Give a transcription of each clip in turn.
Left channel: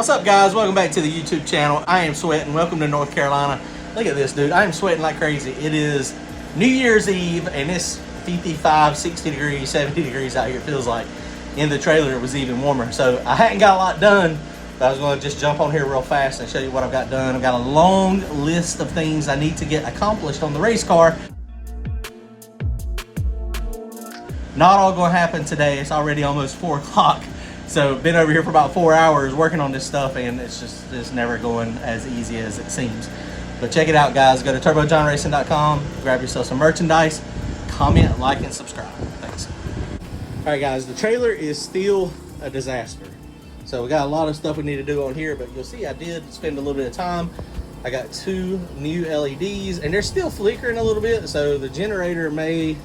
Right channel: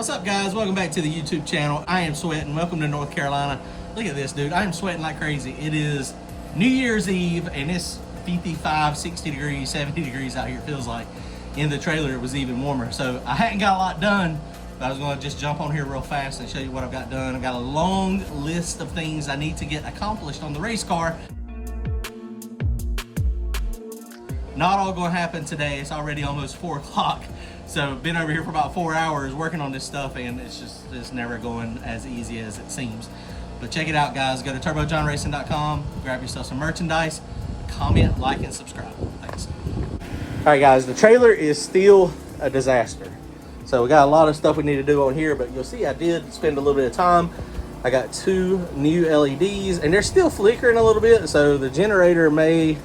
What's up, guys? Welcome back to the YouTube channel. I am sweating. Welcome to North Carolina. Look at this, dude. I am sweating like crazy. It is New Year's Eve and it's 55, 60 degrees, 70 degrees out here, it feels like. In the trailer it was even warmer. So I hadn't got a lot done, but I was going to just jump on here real fast and show you what I've got done. I've got a long list of things I need to get accomplished on the race car. Not all going to happen today. It's already almost 4 o'clock. So been over here for about 4 hours working on this stuff, and it's never going as easy as it seems. But check it out, guys. Go to turbojohnracing.com, grab yourself some merchandise, comment, like, and subscribe. Thanks. All right, guys, the trailer is still a disaster. So we got a lot of stuff we need to do on here, but you'll see I did spend a little bit of time. I got 2 new LEDs, and they're still flickering a little bit, so the generator may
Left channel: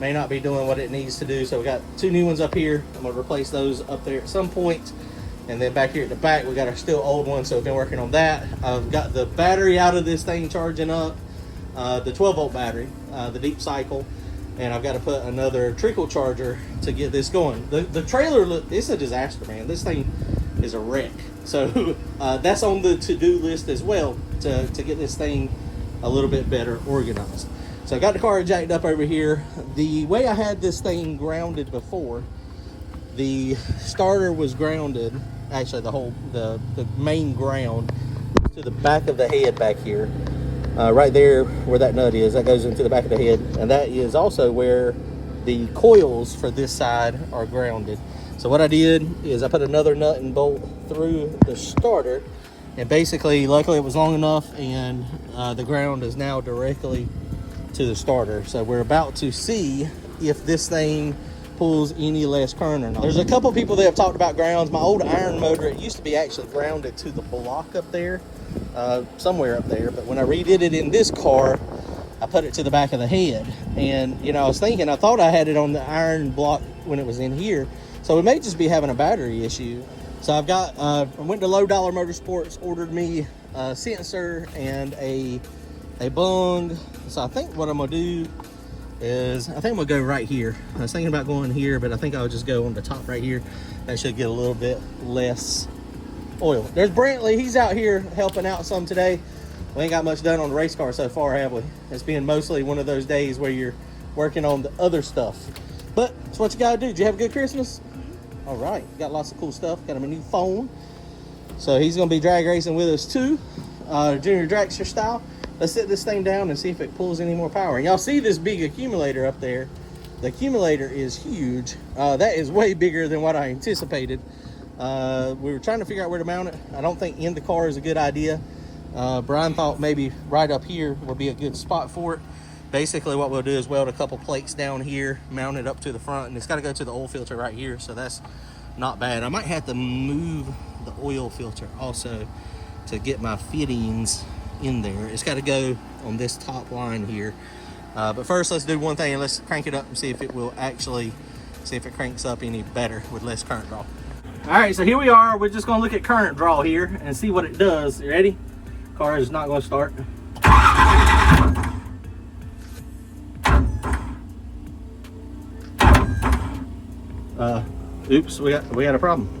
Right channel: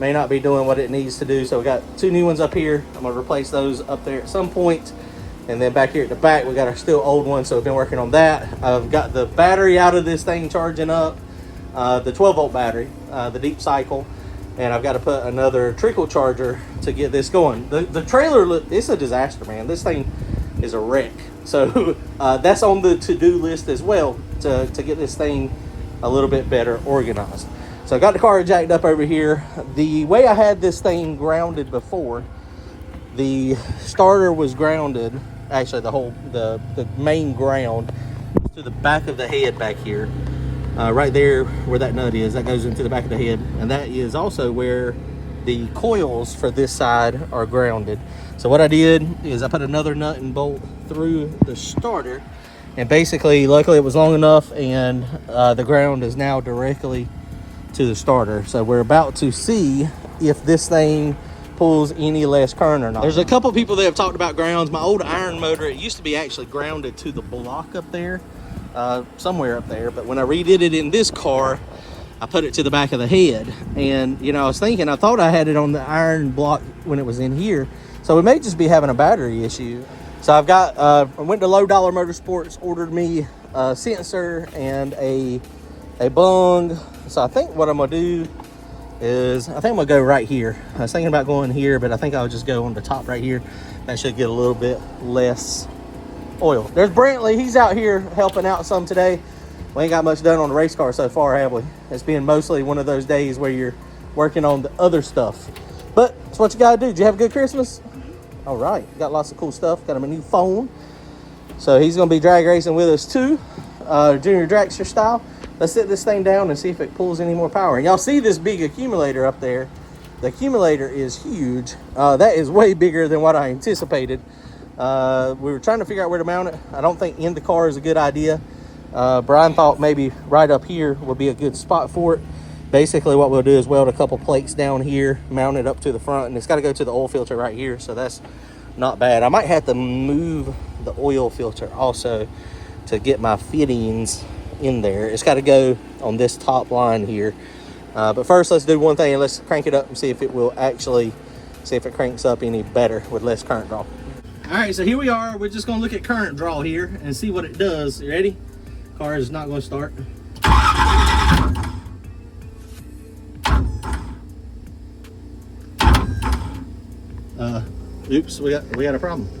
not be doing what it needs to do. So we got 2 new ones up here. I'm gonna replace those up there at some point. And then back here at the back, we got our still old one, so we've been working on that. I've got the battery out of this thing charging up, the 12-volt battery, the deep cycle. And I've got to put another trickle charger to get this going. The trailer, it's a disaster, man. This thing is a wreck. So that's on the to-do list as well, to get this thing a little bit better organized. So I got the car jacked up over here. The way I had this thing grounded before, the starter was grounded, actually the main ground to the back of the head back here. Right there where that nut is, that goes into the back of the head. And that is also where the coils for this side are grounded. So what I did is I put another nut and bolt through the starter. And basically, luckily it was long enough, and the ground is now directly to the starter. So we're about to see if this thing pulls any less current or not. There's a couple people that have talked about grounds. My old iron motor, it used to be actually grounded to the block up there, somewhere up there. But when I redid it in this car, I put it to the back of the head. And you know, I was thinking, I thought I had it on the iron block when it was in here. So we may just be having a battery issue. So I've got, I went to Low Dollar Motorsports, ordered me a sensor and a bung. So I think what I'm gonna do is, I think I'm gonna go right here. I was thinking about going here, but I think I'll just go on the top right here. That should get a little bit less oil. There's Brantley, he's out here helping out some today. We ain't got much done on the race car so far, have we? It's been mostly one of those days where you're working on the other stuff. But it's what you gotta do. Did you have a good Christmas? All right, got lots of cool stuff. Got him a new phone. So he's gonna be drag racing with us too, junior dragster style. Let's set this thing down and see if it pulls any more power. Y'all see this big accumulator up there? The accumulator is huge. That is way bigger than what I anticipated. We were trying to figure out where to mount it. I don't think in the car is a good idea. Brian thought maybe right up here would be a good spot for it. Basically what we'll do is weld a couple plates down here, mount it up to the front, and it's got to go to the oil filter right here, so that's not bad. I might have to move the oil filter also to get my fittings in there. It's got to go on this top line here. But first, let's do one thing, and let's crank it up and see if it will actually, see if it cranks up any better with less current draw. All right, so here we are. We're just gonna look at current draw here and see what it does. You ready? Car is not gonna start. Oops, we got a problem.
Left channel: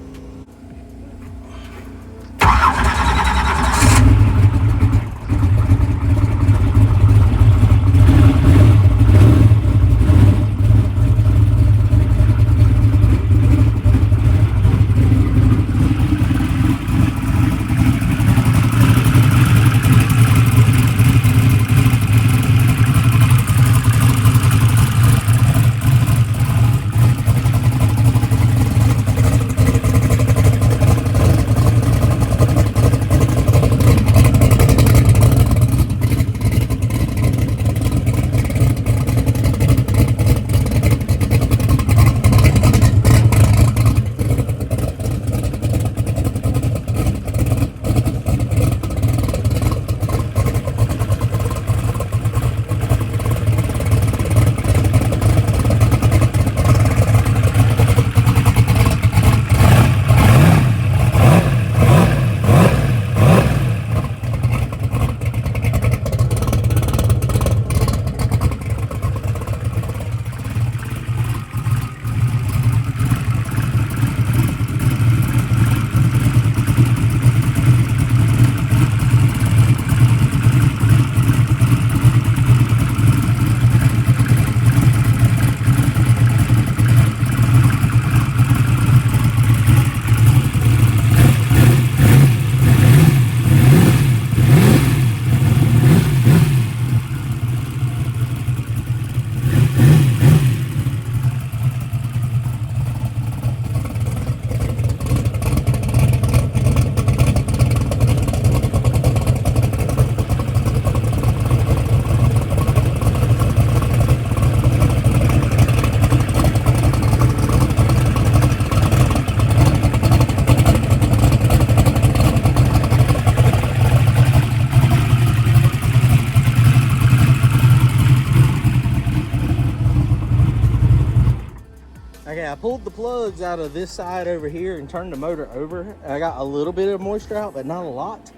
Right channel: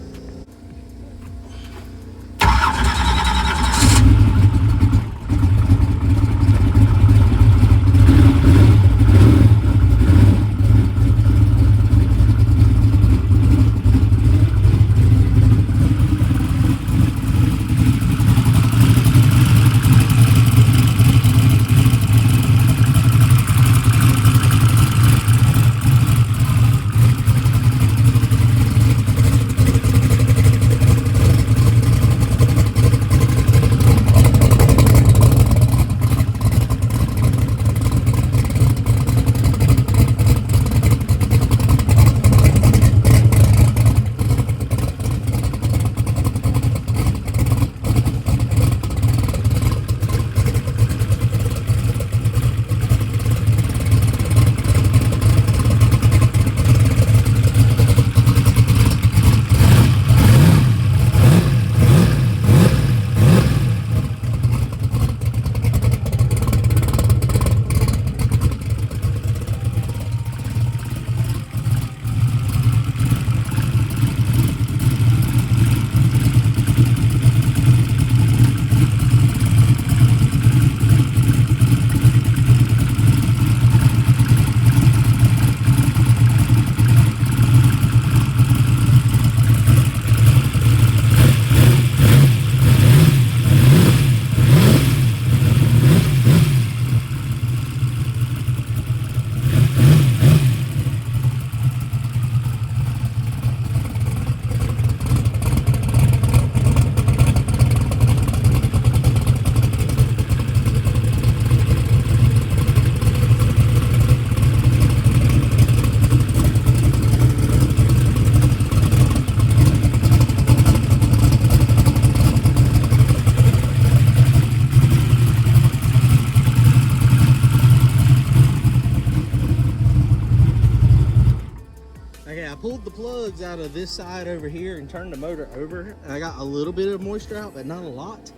Okay, I pulled the plugs out of this side over here and turned the motor over. I got a little bit of moisture out, but not a lot.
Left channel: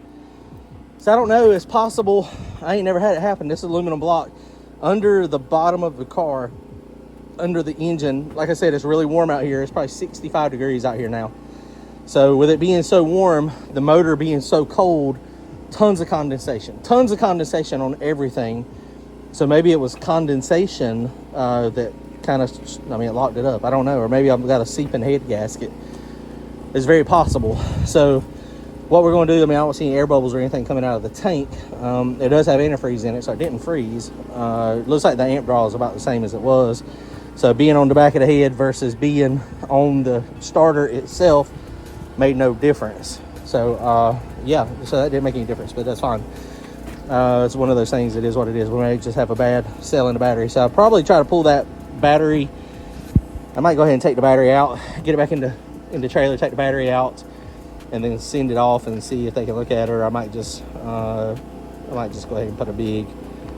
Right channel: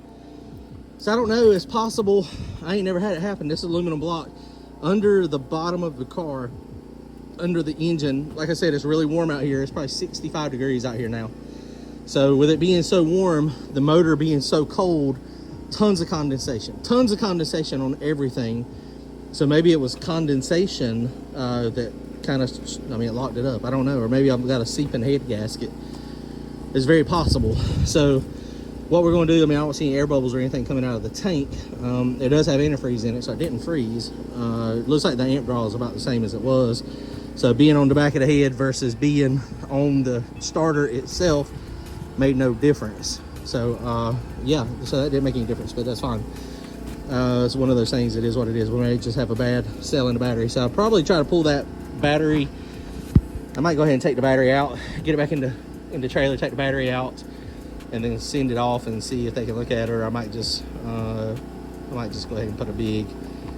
So I don't know, it's possible. I ain't never had it happen. This is aluminum block under the bottom of the car, under the engine. Like I said, it's really warm out here. It's probably 65 degrees out here now. So with it being so warm, the motor being so cold, tons of condensation on everything. So maybe it was condensation that kind of, I mean, it locked it up. I don't know. Or maybe I've got a seeping head gasket. It's very possible. So what we're going to do, I mean, I don't see any air bubbles or anything coming out of the tank. It does have antifreeze in it, so it didn't freeze. It looks like the amp draw is about the same as it was. So being on the back of the head versus being on the starter itself made no difference. So yeah, so that didn't make any difference, but that's fine. It's one of those things. It is what it is. We may just have a bad cell in the battery. So I'll probably try to pull that battery. I might go ahead and take the battery out, get it back in the trailer, take the battery out, and then send it off and see if they can look at it. Or I might just go ahead and put a big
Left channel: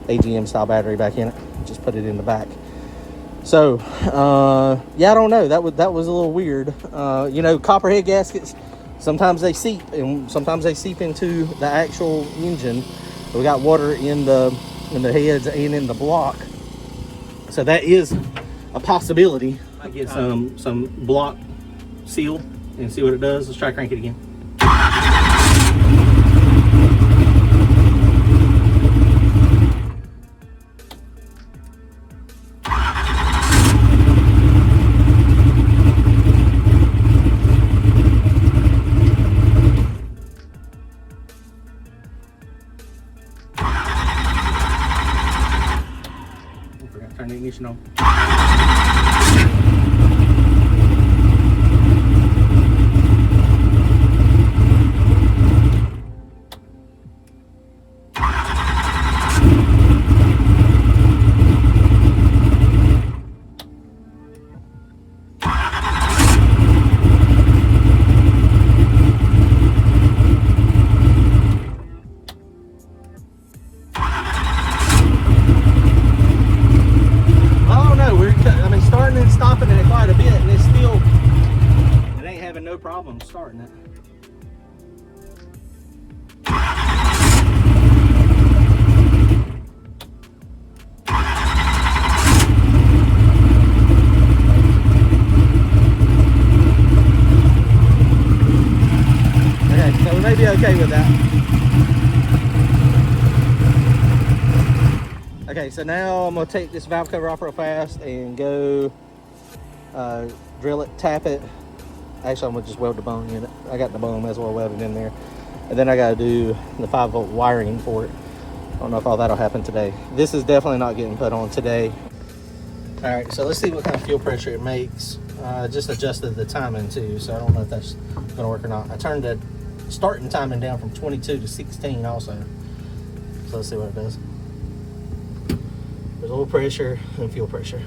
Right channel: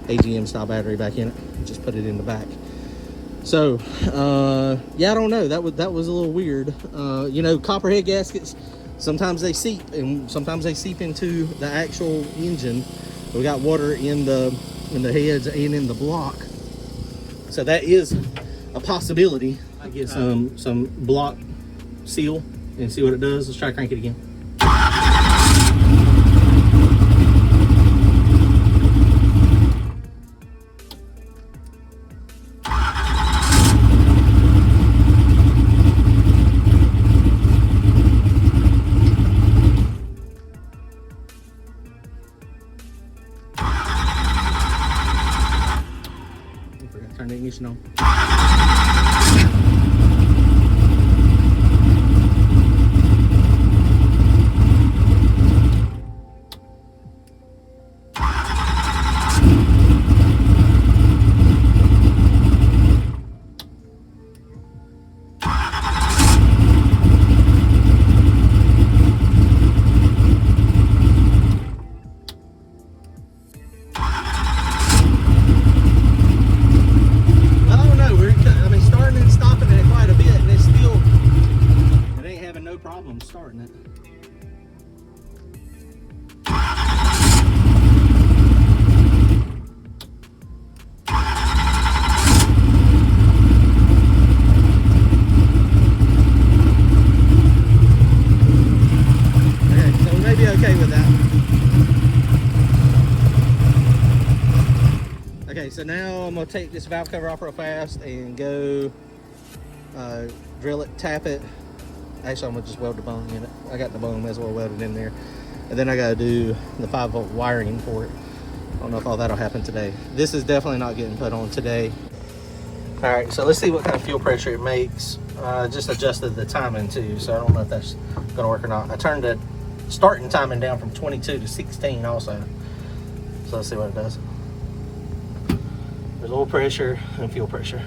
AGM style battery back in it. Just put it in the back. So yeah, I don't know. That was a little weird. You know, copperhead gaskets, sometimes they seep, and sometimes they seep into the actual engine. We got water in the heads and in the block, so that is a possibility. I get some block seal and see what it does. Let's try to crank it again. Turn the ignition on. Problem starting it. Okay, so we may be okay with that. Okay, so now I'm gonna take this valve cover off real fast and go drill it, tap it. Actually, I'm gonna just weld the bone in it. I got the bone, may as well weld it in there. And then I gotta do the 5-volt wiring for it. I don't know if all that'll happen today. This is definitely not getting put on today. All right, so let's see what kind of fuel pressure it makes. Just adjusted the timing too, so I don't know if that's gonna work or not. I turned the starting timing down from 22 to 16 also. So let's see what it does. There's oil pressure and fuel pressure.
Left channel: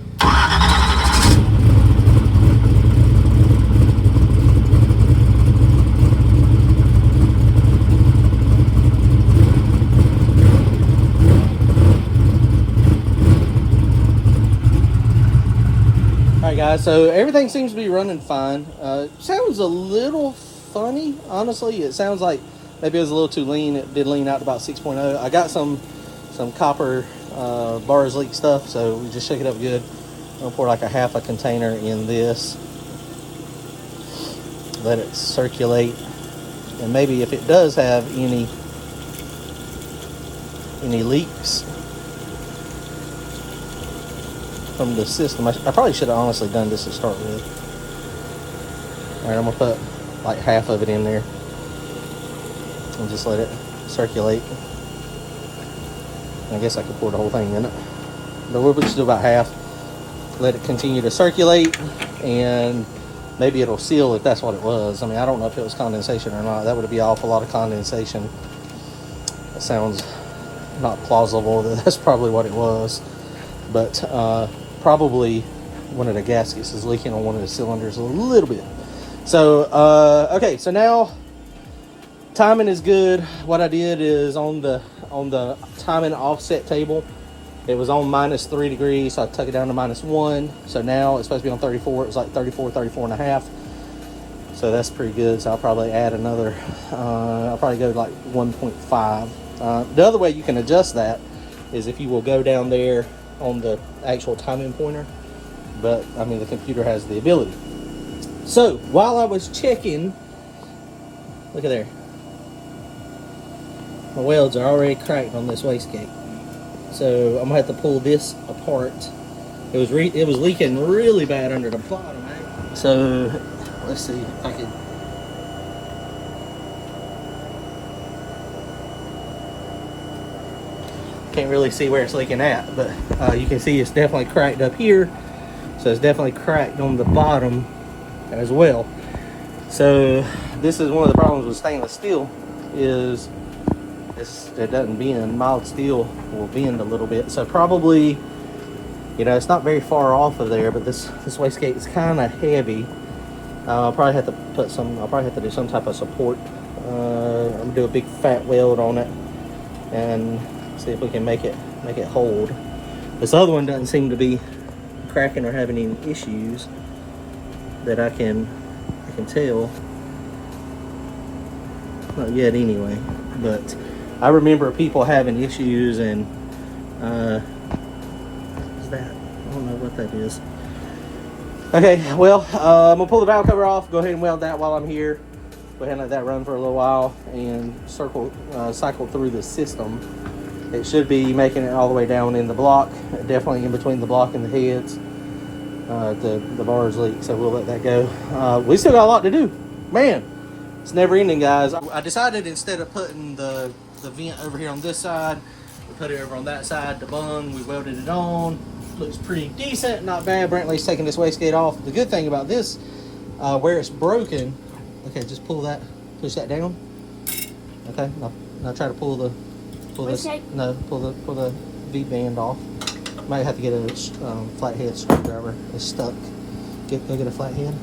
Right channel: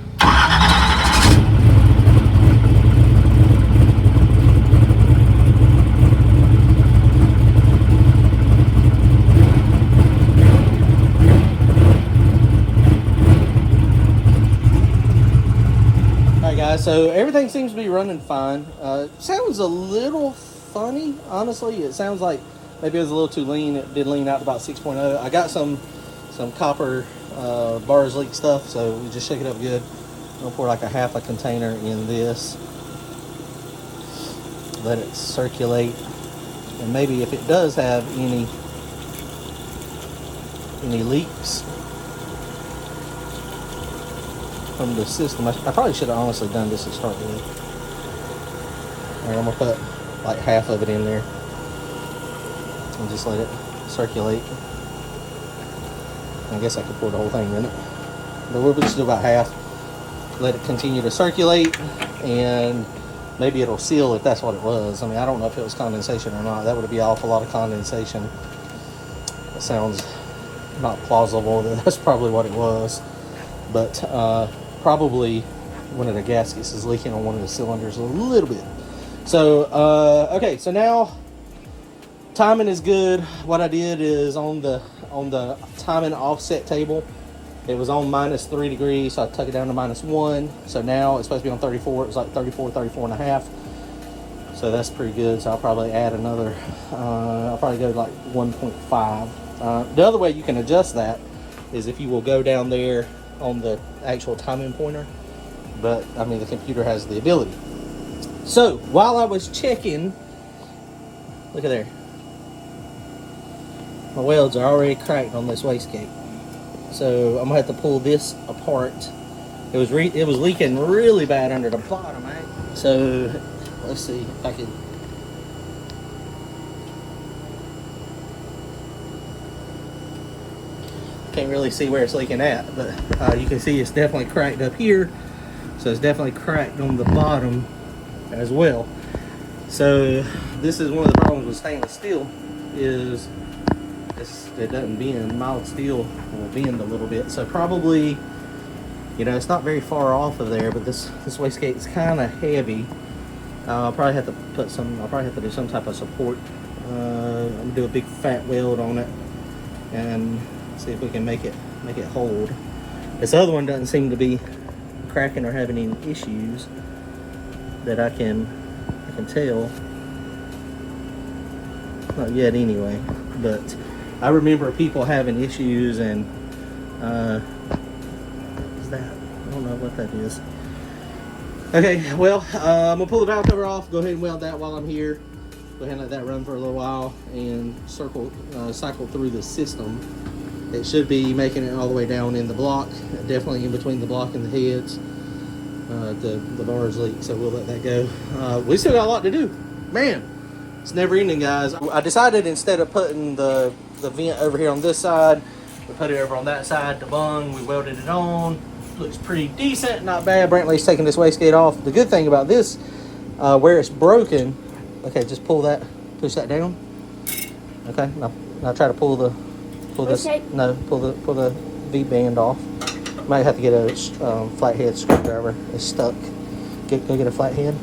Guys, so everything seems to be running fine. Sounds a little funny, honestly. It sounds like maybe it was a little too lean. It did lean out to about 6.0. I got some copper bars leak stuff, so we just shake it up good. I'll pour like a half a container in this, let it circulate, and maybe if it does have any leaks from the system. I probably should have honestly done this to start with. All right, I'm gonna put like half of it in there and just let it circulate. I guess I could pour the whole thing in it, but we'll just do about half. Let it continue to circulate, and maybe it'll seal if that's what it was. I mean, I don't know if it was condensation or not. That would be an awful lot of condensation. That sounds not plausible. That's probably what it was, but probably one of the gaskets is leaking on one of the cylinders a little bit. So okay, so now timing is good. What I did is on the timing offset table, It was on -3 degrees, so I took it down to -1. So now it's supposed to be on 34. It was like 34, 34 and a half. So that's pretty good. So I'll probably add another, I'll probably go like 1.5. The other way you can adjust that is if you will go down there on the actual timing pointer. But I mean, the computer has the ability. So while I was checking, look at there. My welds are already cracked on this wastegate. So I'm gonna have to pull this apart. It was leaking really bad under the bottom, right? So let's see if I can. Can't really see where it's leaking at, but you can see it's definitely cracked up here. So it's definitely cracked on the bottom as well. So this is one of the problems with stainless steel is it doesn't bend. Mild steel will bend a little bit. So probably, you know, it's not very far off of there, but this wastegate is kind of heavy. I'll probably have to do some type of support. I'm gonna do a big fat weld on it and see if we can make it hold. This other one doesn't seem to be cracking or having any issues that I can tell. Not yet anyway, but I remember people having issues and what's that? I don't know what that is. Okay, well, I'm gonna pull the valve cover off, go ahead and weld that while I'm here. Go ahead and let that run for a little while and cycle through the system. It should be making it all the way down in the block, definitely in between the block and the heads. The bars leak, so we'll let that go. We still got a lot to do. Man, it's never ending, guys. I decided instead of putting the vent over here on this side, we put it over on that side, the bung, we welded it on. Looks pretty decent, not bad. Brantley's taking this wastegate off. The good thing about this, where it's broken, okay, just push that down. Okay, now try to pull the V band off. Might have to get a flathead screwdriver. It's stuck. Go get a flathead.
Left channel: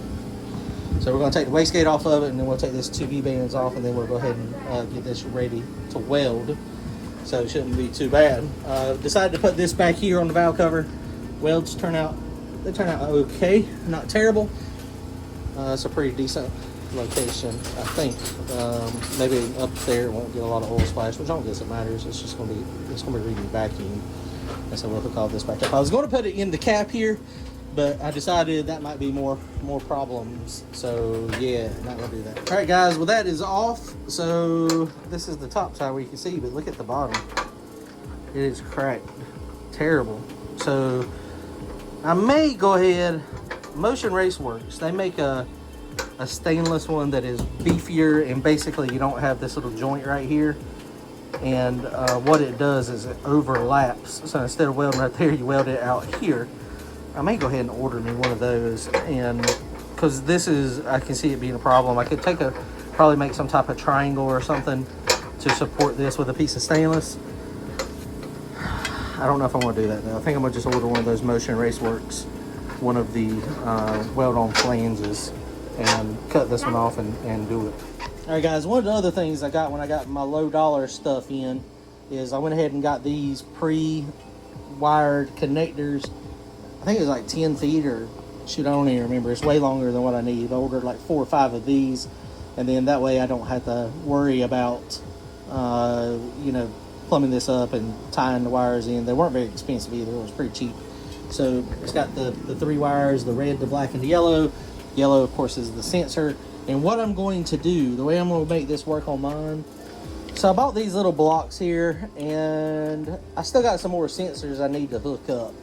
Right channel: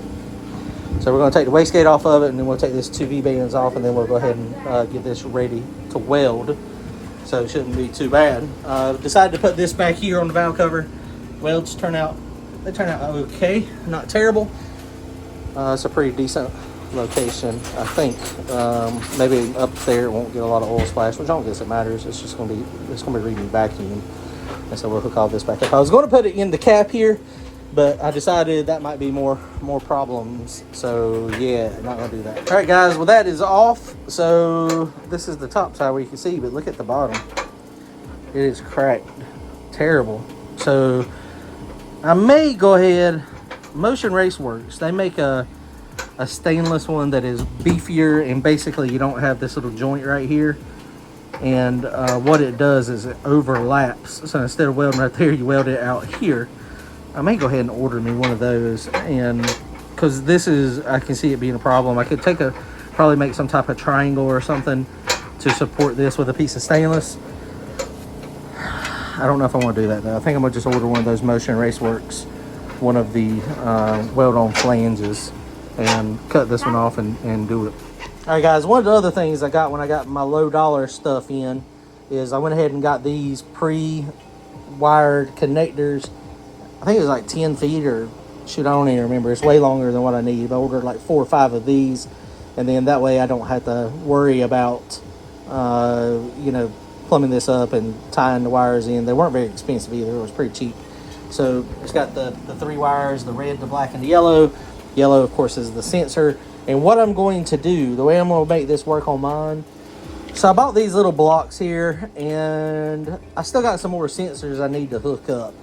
So we're going to take the wastegate off of it, and then we'll take this 2 V bands off, and then we'll go ahead and get this ready to weld. So it shouldn't be too bad. Decided to put this back here on the valve cover. Welds turn out okay, not terrible. It's a pretty decent location, I think. Maybe up there it won't get a lot of oil splash, which I don't guess it matters. It's gonna be reading vacuum. And so we'll hook all this back up. I was going to put it in the cap here, but I decided that might be more problems. So yeah, not gonna do that. All right, guys. Well, that is off. So this is the top side where you can see, but look at the bottom. It is cracked, terrible. So I may go ahead. Motion Race Works. They make a stainless one that is beefier, and basically you don't have this little joint right here. And what it does is it overlaps. So instead of welding right there, you weld it out here. I may go ahead and order me one of those, and because this is, I can see it being a problem. I could probably make some type of triangle or something to support this with a piece of stainless. I don't know if I want to do that though. I think I'm gonna just order one of those Motion Race Works, one of the weld-on flanges, and cut this one off and do it. All right, guys, one of the other things I got when I got my low dollar stuff in is I went ahead and got these pre-wired connectors. I think it was like 10 feet or shoot, I don't even remember. It's way longer than what I need. I ordered like 4 or 5 of these, and then that way I don't have to worry about, you know, plumbing this up and tying the wires in. They weren't very expensive either. It was pretty cheap. So it's got the 3 wires, the red, the black, and the yellow. Yellow, of course, is the sensor. And what I'm going to do, the way I'm going to make this work on mine, so I bought these little blocks here, and I still got some more sensors I need to hook up.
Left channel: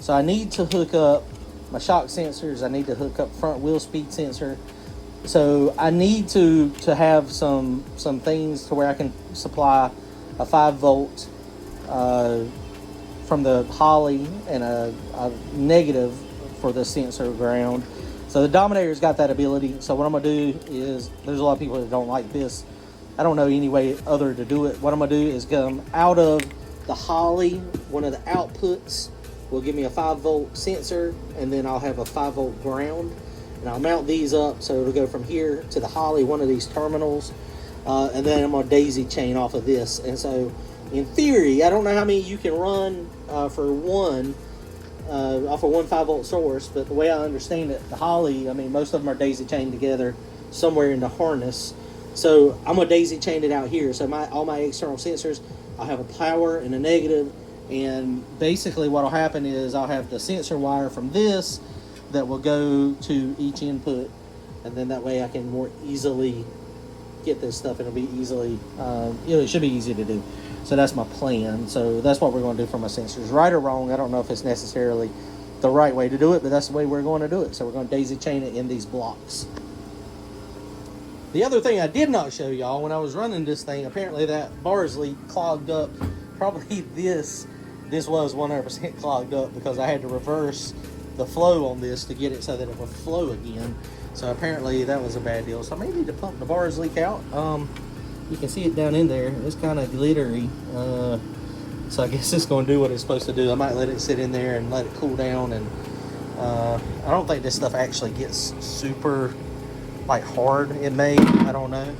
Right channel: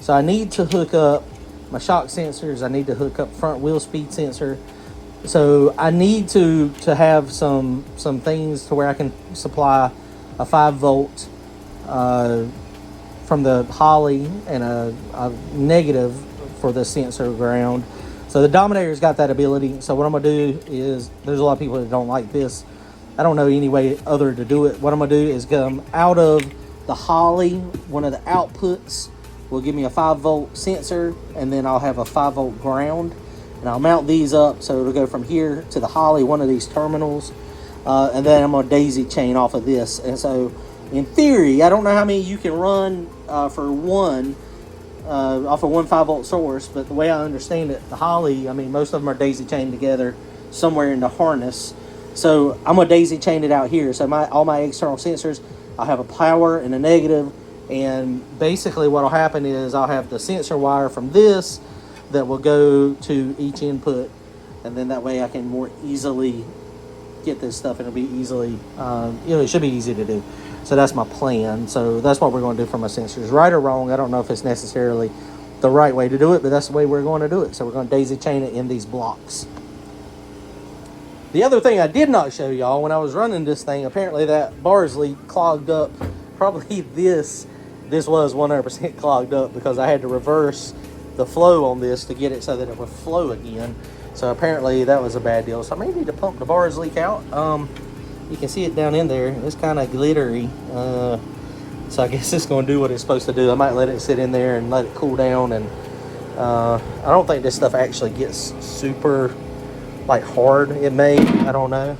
So I need to hook up my shock sensors. I need to hook up front wheel speed sensor. So I need to have some things to where I can supply a 5 volt from the Holly and a negative for the sensor ground. So the Dominator's got that ability. So what I'm gonna do is, there's a lot of people that don't like this. I don't know any way other to do it. What I'm gonna do is come out of the Holly, one of the outputs will give me a 5 volt sensor, and then I'll have a 5 volt ground. And I'll mount these up so it'll go from here to the Holly, one of these terminals. And then I'm gonna daisy chain off of this. And so in theory, I don't know how many you can run for one, off of one 5-volt source, but the way I understand it, the Holley, I mean, most of them are daisy chained together somewhere in the harness. So I'm gonna daisy chain it out here. So all my external sensors, I'll have a power and a negative, and basically what'll happen is I'll have the sensor wire from this that will go to each input, and then that way I can more easily get this stuff, and it'll be easily, it should be easy to do. So that's my plan. So that's what we're going to do for my sensors. Right or wrong, I don't know if it's necessarily the right way to do it, but that's the way we're going to do it. So we're going to daisy chain it in these blocks. The other thing I did not show y'all, when I was running this thing, apparently that bars leak clogged up. Probably this was 100% clogged up because I had to reverse the flow on this to get it so that it would flow again. So apparently that was a bad deal. So I may need to pump the bars leak out. You can see it down in there. It's kind of glittery. So I guess it's going to do what it's supposed to do. I might let it sit in there and let it cool down. And I don't think this stuff actually gets super like hard. It may, I don't know.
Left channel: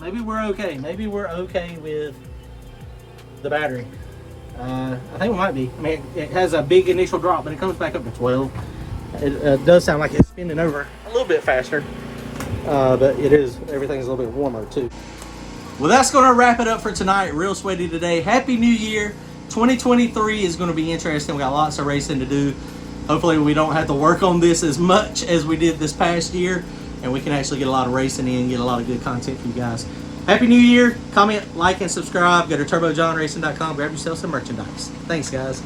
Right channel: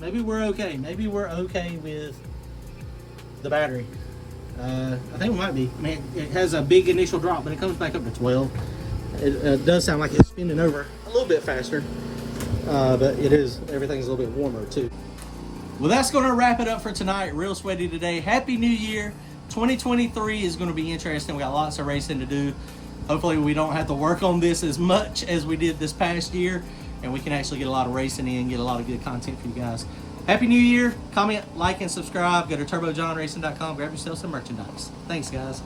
Maybe we're okay. Maybe we're okay with the battery. I think we might be. I mean, it has a big initial drop, but it comes back up to 12. It does sound like it's spinning over a little bit faster, but everything's a little bit warmer too. Well, that's going to wrap it up for tonight. Real sweaty today. Happy New Year. 2023 is going to be interesting. We got lots of racing to do. Hopefully we don't have to work on this as much as we did this past year, and we can actually get a lot of racing in, get a lot of good content for you guys. Happy New Year. Comment, like, and subscribe. Go to turbojohnracing.com. Grab yourself some merchandise. Thanks, guys.